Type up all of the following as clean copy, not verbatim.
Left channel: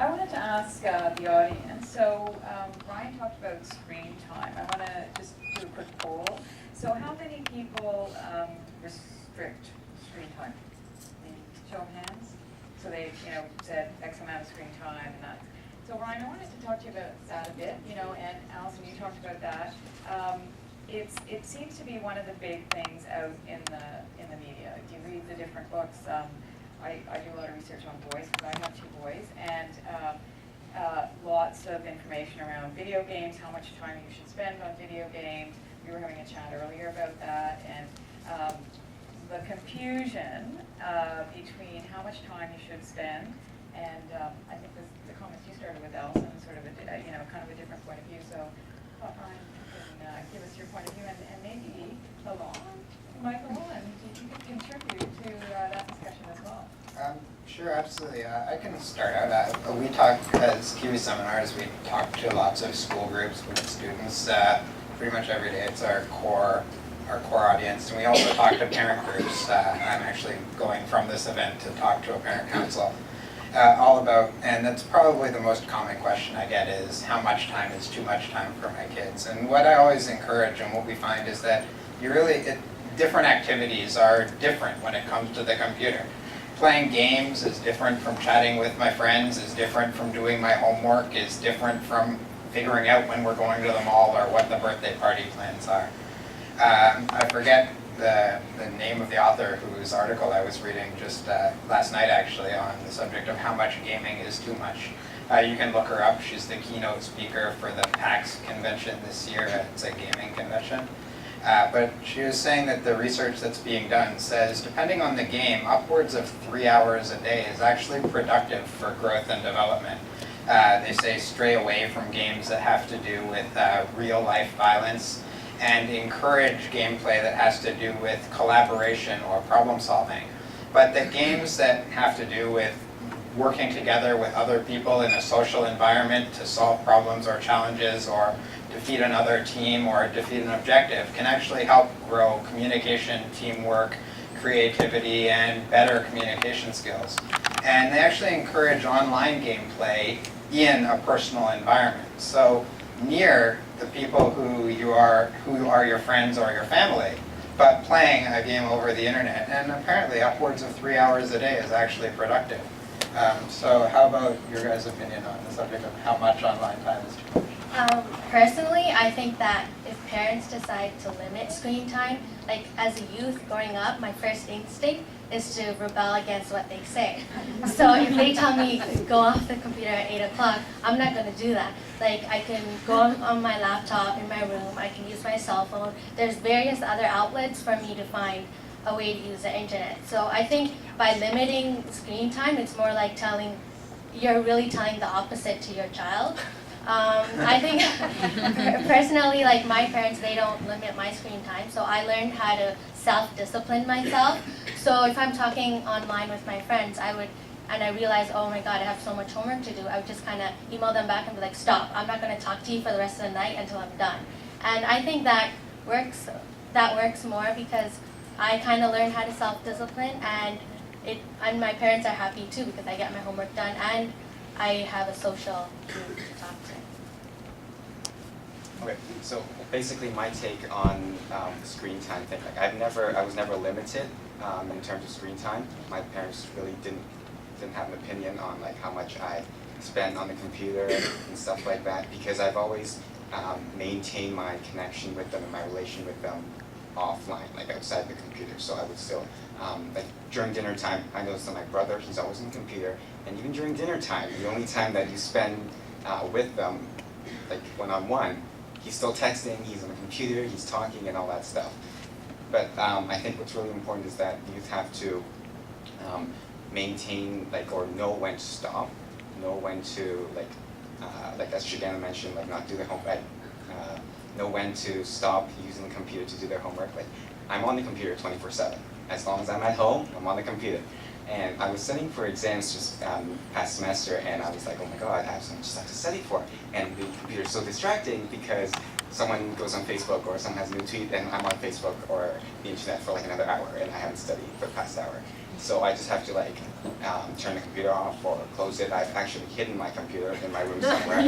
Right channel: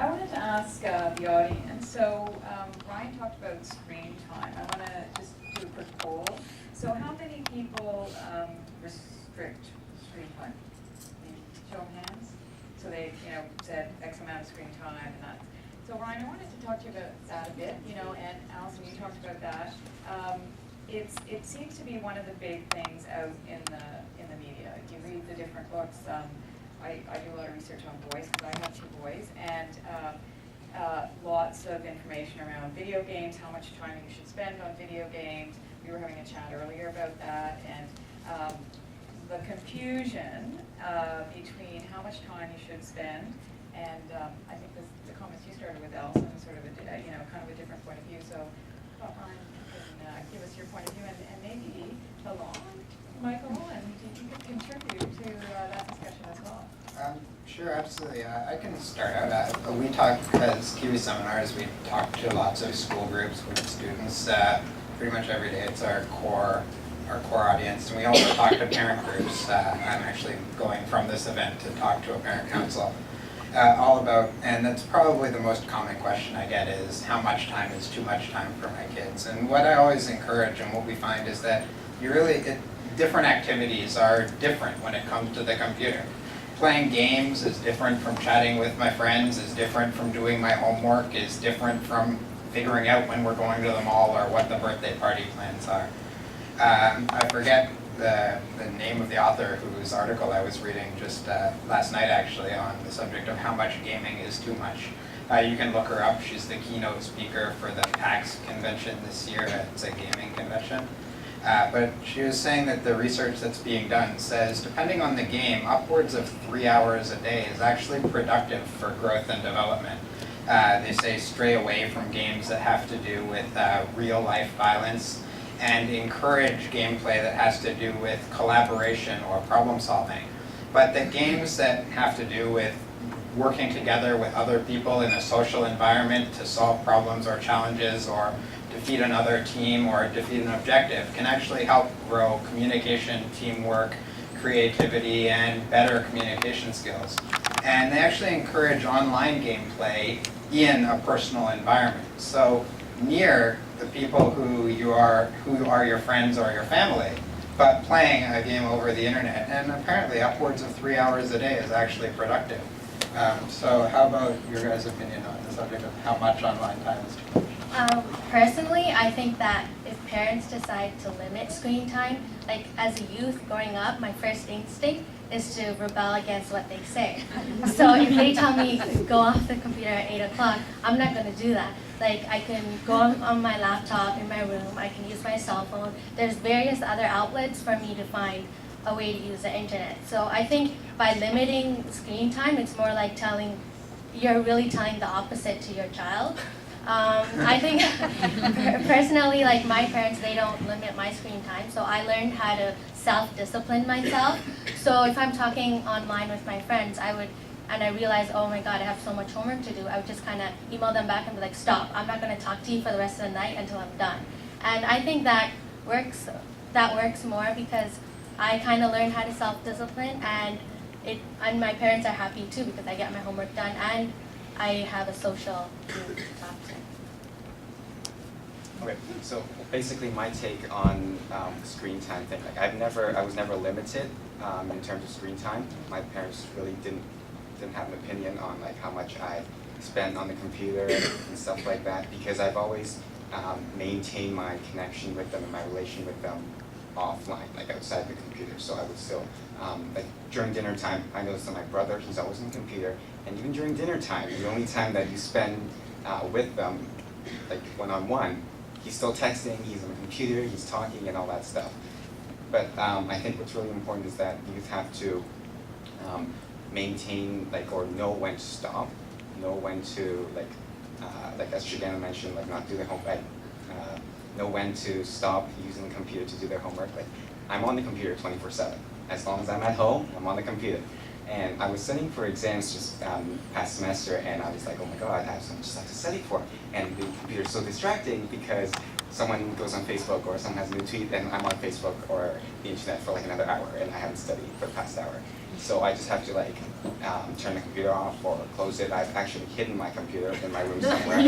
I wanted to ask the audience, so Ryan talked about screen time. I want to just do a quick poll. So how many people restrict screen time? Show of hands? So they, said X amount of screen time and that. So Ryan, I wanted to talk to you about that a bit, and Alison, you talked about that. It seems to be one of the big things out in the media. If you read the different books, I do a lot of research on boys because I have 2 boys, and lots of information around video games, how much time you should spend on video games. We were having a chat earlier about that, and the confusion between how much time you should spend, and I think the comments you started with, Alison, sort of kind of a different point of view. So, Ryan, you can give us your point of view, and maybe Michael, and you could contribute to that discussion as well. Sure, absolutely. I can start out. We talk, as Kiwi Seminars, we talk to lots of school groups with students pretty much every day. It's our core audience, and we also talk to parent groups. I'm actually going from this event to talk to a parent council all about, and that's probably the most common question I get is how much time is too much time for my kids. And what I always encourage and what we find is that different activities are different when it comes to the computer. Playing games is different from chatting with my friends, is different from doing my homework, is different from figuring out when we're going to the mall or what the birthday party plans are. I forget the name of the author whose article I was reading just last night actually on the subject of how much gaming is too much. You can look her up. She's the keynote speaker for the PAX convention this year. It's a gaming convention. But she was saying that the research that's being done says, depending on the game, upwards of 3 hours a day is actually productive for growth and development. They say stray away from games that have to do with real-life violence and encourage gameplay that has to do with collaboration or problem solving. But the games that have to do with working together with other people in a social environment to solve problems or challenges or defeat another team or defeat an objective can actually help grow communication, teamwork, creativity, and better communication skills. And they actually encourage online gameplay in a personal environment. So near the people who are your friends or your family, but playing a game over the internet. And apparently upwards of 3 hours a day is actually productive. So how about your guys' opinion on the subject of how much online time is too much? Personally, I think that if parents decide to limit screen time, like as a youth growing up, my first instinct is to rebel against what they say. So if they tell me go off the computer at 8 o'clock, I'm not going to do that. Like I can go on my laptop in my room, I can use my cell phone. There's various other outlets for me to find a way to use the internet. So I think by limiting screen time, it's more like you're really telling the opposite to your child. I think personally, like my parents, they don't limit my screen time, so I learned how to self-discipline myself. So if I'm talking online with my friends, and I realize, oh my God, I have so much homework to do, I would just kind of email them back and be like, stop, I'm not going to talk to you for the rest of the night until I'm done. And I think that works more because I kind of learned how to self-discipline, and my parents are happy too because I get my homework done and I have a social group to talk to. Okay, so basically my take on screen time thing, like I was never limited in terms of screen time. My parents really didn't have an opinion on like how much I spend on the computer and stuff like that, because I've always maintained my connection with them and my relation with them offline, like outside the computer. So I would still, like during dinner time, I noticed that my brother, he's always on the computer, and even during dinner time, the only time that you spend with them, like one-on-one, he's still texting, he's on the computer, he's talking and all that stuff. But I think what's really important is that youth have to maintain, like, or know when to stop, know when to, like as Shigana mentioned, like not do the homework, know when to stop using the computer to do their homework. Like, I'm on the computer 24/7. As long as I'm at home, I'm on the computer. And I was studying for exams just past semester, and I was like, oh my God, I have so much stuff to study for. And the computer's so distracting because someone goes on Facebook or someone has a new tweet, and I'm on Facebook or the internet for like another hour, and I haven't studied for the past hour. So I just have to like turn the computer off or close it. I've actually hidden my computer in my room somewhere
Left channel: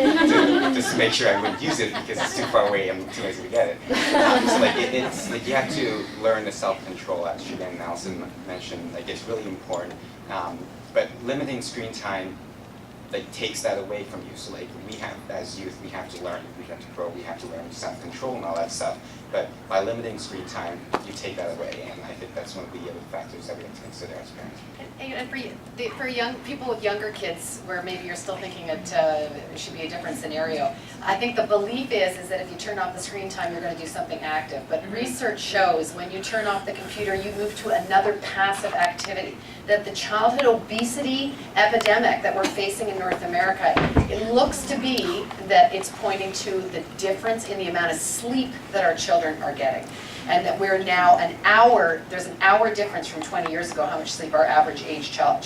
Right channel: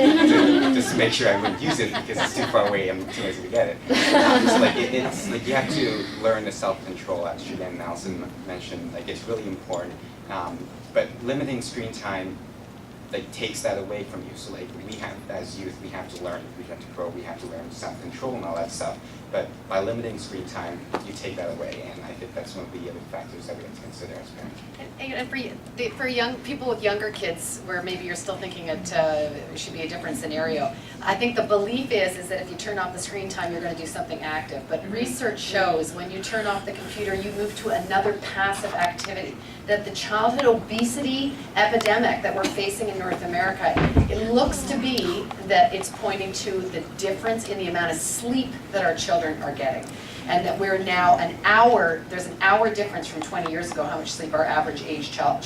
just to make sure I wouldn't use it because it's too far away and I'm too lazy to get it. So like it's like you have to learn the self-control, as Julian and Allison mentioned. Like it's really important. But limiting screen time like takes that away from you. So like we have, as youth, we have to learn, we have to grow, we have to learn self-control and all that stuff. But by limiting screen time, you take that away, and I think that's one of the other factors that we have to consider as parents. And for young people with younger kids, where maybe you're still thinking it should be a different scenario, I think the belief is that if you turn off the screen time, you're going to do something active. But research shows when you turn off the computer, you move to another passive activity. That the childhood obesity epidemic that we're facing in North America, it looks to be that it's pointing to the difference in the amount of sleep that our children are getting. And that we're now there's an hour difference from 20 years ago how much sleep our average age child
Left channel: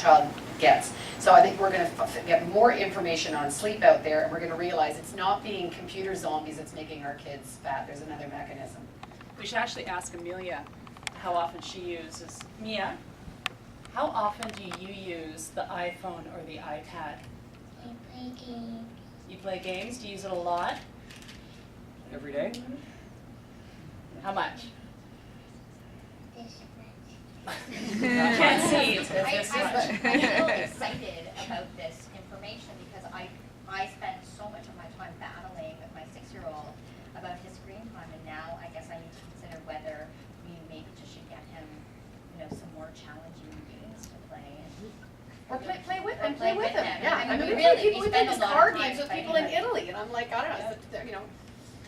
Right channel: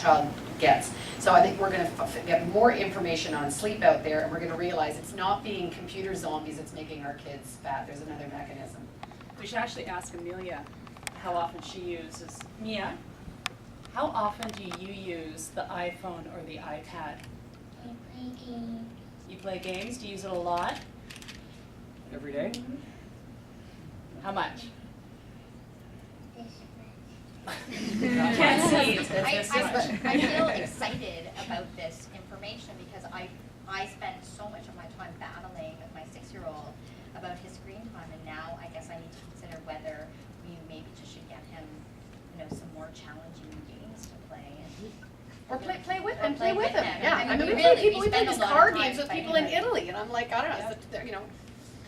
gets. So I think we're going to get more information on sleep out there, and we're going to realize it's not being computer zombies that's making our kids fat. There's another mechanism. We should actually ask Amelia how often she uses. Mia, how often do you use the iPhone or the iPad? I play games. You play games? Do you use it a lot? Every day? How much? This Can't see, it's this I much. feel excited about this information because I spend so much of my time battling with my 6-year-old about his screen time, and now I guess I need to consider whether we maybe just should get him, some more challenging games to play. Or play with him. Play with him. Yeah, I mean, we really, play spend these a lot of card time games with fighting people in about it. Italy, and I'm like, I don't know,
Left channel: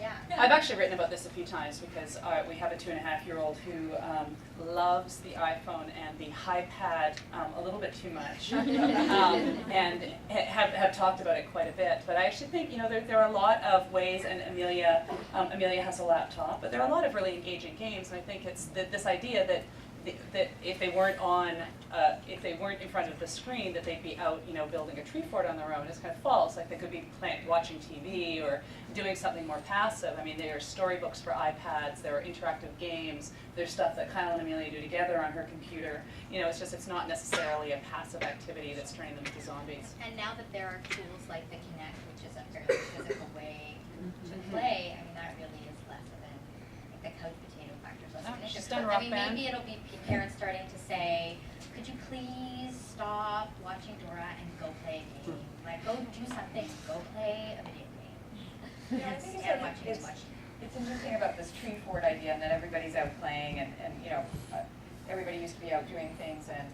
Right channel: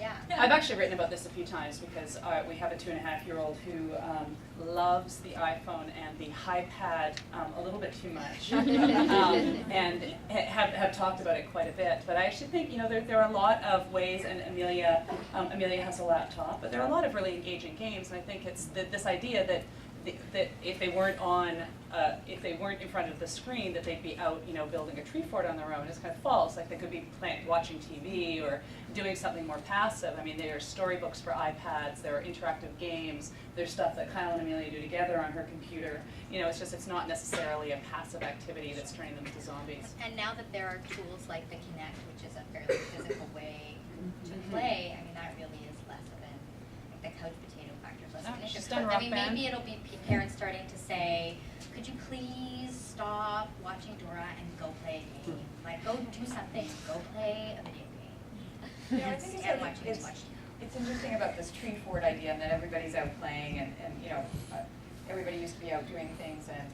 Yeah. I've actually written about this a few times because we have a 2.5-year-old who loves the iPhone and the iPad a little bit too much, and have talked about it quite a bit. But I actually think there are a lot of ways, and Amelia has a laptop, but there are a lot of really engaging games, and I think it's this idea that if they weren't in front of the screen, that they'd be out, building a tree fort on their own is kind of false. Like they could be watching TV or doing something more passive. I mean, there are storybooks for iPads, there are interactive games, there's stuff that Kyle and Amelia do together on her computer. It's not necessarily a passive activity that's turning them into zombies. And now that there are tools like the Kinect, which is a fairly physical way to play, I mean, that really is less of the couch potato factor is less of an issue. She's done I Rock mean, Band. maybe it'll be parents starting to say, could you please stop watching Dora and go play a game? Like, go do something, go play a video game. I think Instead of watching too much. it's interesting about this tree fort idea, and that everybody's out playing, and everybody used to be out doing things, and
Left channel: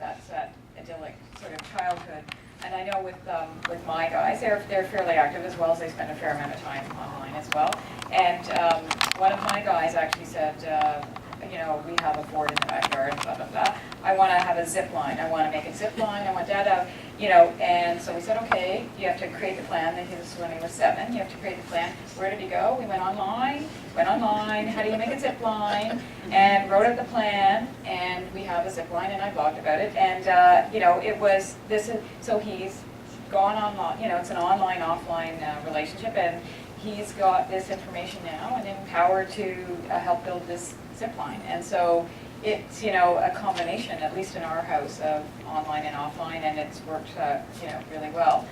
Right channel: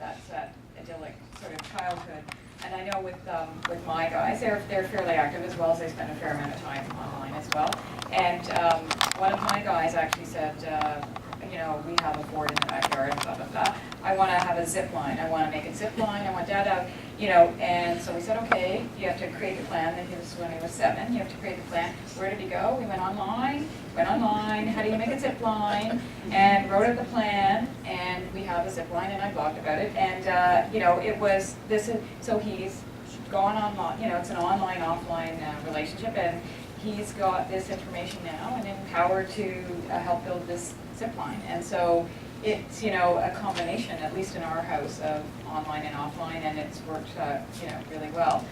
that's that idyllic sort of childhood. And I know with my guys, they're fairly active as well, as they spend a fair amount of time online as well. And one of my guys actually said, we have a fort in the backyard, blah, blah, blah. I want to have a zip line. I want to make a zip line. I want Dad out, And so we said, okay, you have to create the plan. This was when he was 7. You have to create the plan. Where did he go? We went online. How do you make a zip line? And wrote out the plan. And we have a zip line, and I blogged about it. And, it was, so he's gone online. It's an online-offline relationship. And he's got this information now and empowered to help build this zip line. And so it's, a combination, at least in our house, of online and offline, and it's worked, really well.